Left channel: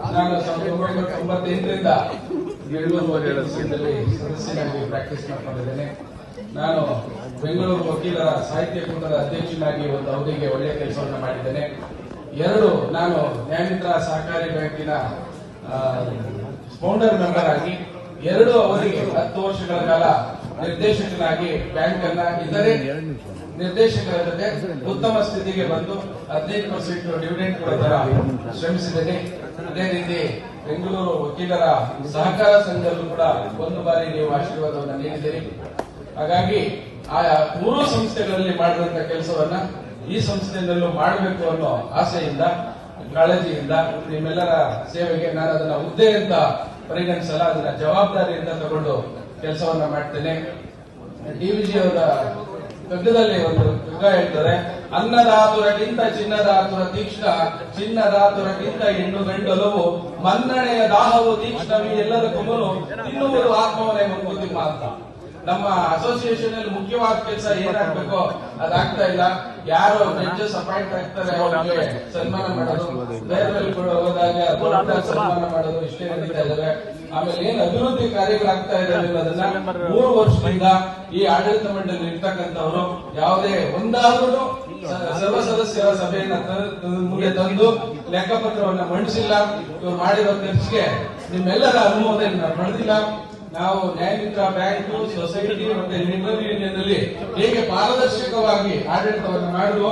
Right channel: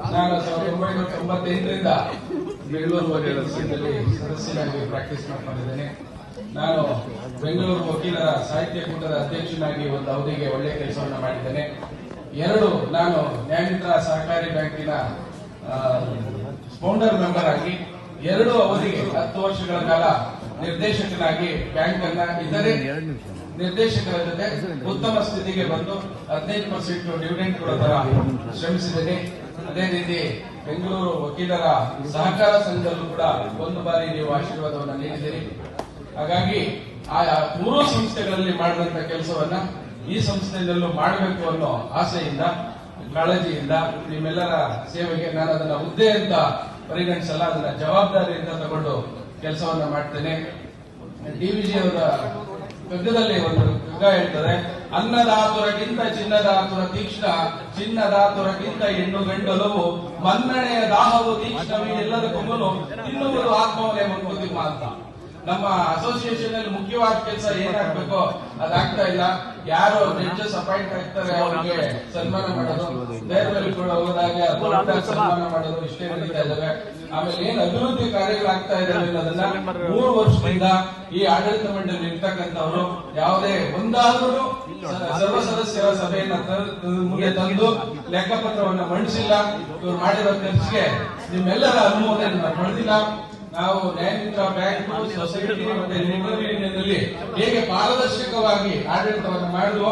ನಾನು 1998ರಿಂದ ಬೆಂಗಳೂರು ಸದಸ್ಯನಾಗಿ ಪ್ರಾಕ್ಟೀಸ್ ಮಾಡ್ಕೊಂಡಿದ್ದೇನೆ. ನಾನು ಬೆಂಗಳೂರು ವಕೀಲರ ಸಾಹಿತ್ಯ ಕೂಟದ ಅಧ್ಯಕ್ಷನಾಗಿ ಒಂದು ಅವಧಿಗೆ ಒಳ್ಳೆಯ ಕೆಲಸವನ್ನು ಮಾಡಿದ್ದೇನೆ. ನಾನು ನ್ಯಾಯಮಿತ್ರ ಸಹಕಾರಿ ಬ್ಯಾಂಕಿನ ಫೌಂಡರ್ ಮೆಂಬರ್ ಆಗಿ 2 ಅವಧಿಗೆ 10 ವರ್ಷಗಳ ಕಾಲ ನಿರ್ದೇಶಕನಾಗಿ ಬ್ಯಾಂಕ್ ಅನ್ನ ಇತರೆ ನಿರ್ದೇಶಕರ ಜೊತೆ ಉತ್ತಮ ಸ್ಥಿತಿಗೆ ಬಂದು 15% ಡಿವಿಡೆಂಡ್ ಕೊಡೋದರ ಶ್ರಮಿಸಿದ್ದೇನೆ. ಅದೇ ರೀತಿ ಬೆಂಗಳೂರು ವಕೀಲರ ಸಹಕಾರ ಸಂಘದಲ್ಲೂ ಕೂಡ 1 ಬಾರಿ ನೀವು ಆಶೀರ್ವಾದವನ್ನು ನೀಡಿದ್ದೀರಿ. ಹಾಗಾಗಿ ಆ 3 ಸಂಸ್ಥೆಗಳಲ್ಲಿ ಮಾಡಿದಂತ ಕೆಲಸವನ್ನ ಈ ಸಂಸ್ಥೆಯಲ್ಲೂ ಮಾಡಬೇಕು ಅನ್ನೋ ಆಸೆಯಿಂದ, ಕಾಳಜಿಯಿಂದ ನಿಮ್ಮೆಲ್ಲರ ಸೇವೆಗೆ ನಾನು ಅದನ್ನ ಹುದ್ದೆ ಅಂತ ಪರಿಗಣಿಸಲ್ಲ, ಅದನ್ನ ಜವಾಬ್ದಾರಿಯಿಂದ ತಗೊಂಡು ಕೆಲಸವನ್ನ ಮಾಡ್ತೇನೆ. ಡಿವಿಜಿ ಅವರ ಕಗ್ಗದಲ್ಲಿ ಒಂದು ಕಗ್ಗ ಹೇಳ್ತಾರೆ, ಅನ್ನದಾತುರಕ್ಕಿಂತ ಚಿನ್ನದಾತುರ ತೀಕ್ಷ್ಣ, ಚಿನ್ನದಾತುರಕ್ಕಿಂತ ಹೆಣ್ಣು ಗಂಡಲವು, ಮನ್ನಣೆಯ ದಾಹವು ತೀಕ್ಷ್ಣವಿ ಎಲ್ಲದಕ್ಕೂ ಇನ್ನೊಬ್ಬರು ಆತ್ಮವೇ ಮುಗಿದಿಮ್ಮ ಅಂತ. ನಮ್ಮ ಅಸೋಸಿಯೇಷನ್ ಅಲ್ಲಿ ಮುಖ್ಯವಾದ ಕೆಲಸ ಏನಾಗಬೇಕೋ ಅದಾಗ್ತಾ ಇಲ್ಲ. ಯಾರು ಜಡ್ಜಸ್ ಅಪಾಯಿಂಟ್ ಆಗ್ತಾರೆ ಅವರಿಗೆ ಸನ್ಮಾನ ಮಾಡೋದು, ಬೇರೆ ಹೋದಾಗ ಸನ್ಮಾನ ಮಾಡೋದು ಇಷ್ಟೇ ನಡೀತಾ ಇದ್ದಾರೆ. ಆಮೇಲೆ ಏನು ಅಭಿವೃದ್ಧಿ ಕಾರ್ಯಗಳಾಗ್ತಾ ಇದೆ ಅನ್ನೋದನ್ನ 3 ವರ್ಷದಿಂದ ಈ ಆಡಳಿತ ಮಂಡಳಿ ಇರ್ತಕ್ಕಂಥವರು ಯಾವುದೇ ಒಂದಾದರೂ ಸರ್ವ ಸದಸ್ಯರ ಸಭೆಯನ್ನು ತಂದು ಲೆಕ್ಕಪತ್ರವನ್ನು ಮಂಡಿಸಿಲ್ಲ. ಇವರು ಮಾಡಿರೋ ಕೆಲಸಕ್ಕೆ ನಿಮ್ಮೆಲ್ಲರ ಅನುಮೋದನೆ ಪಡೆದಿಲ್ಲ. ನಾವು ನ್ಯಾಯಮಿತ್ರ ಬ್ಯಾಂಕ್, ಸೊಸೈಟಿ ಮತ್ತೆ ಲಿಬರಲ್ ಯೂನಿಯನ್ನಲ್ಲಿ ಹೇಗೆ ಪಾರದರ್ಶಕವಾಗಿ ಆಡಳಿತವನ್ನು ಮಾಡುವ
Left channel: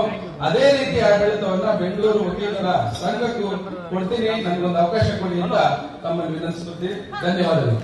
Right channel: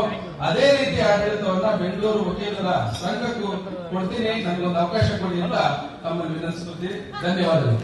ಅದೇ ರೀತಿ ಆಡಳಿತವನ್ನ ಬೆಂಗಳೂರು ವಕೀಲರ ಸಂಘಕ್ಕೂ ಕೊಡ್ತೀನಿ. ನನಗೊಂದು ಅವಕಾಶ ಕೊಡಿ ಅಂತ ತಮ್ಮನ್ನು ವಿನಂತಿಸುತ್ತೀನಿ. ಧನ್ಯವಾದಗಳು.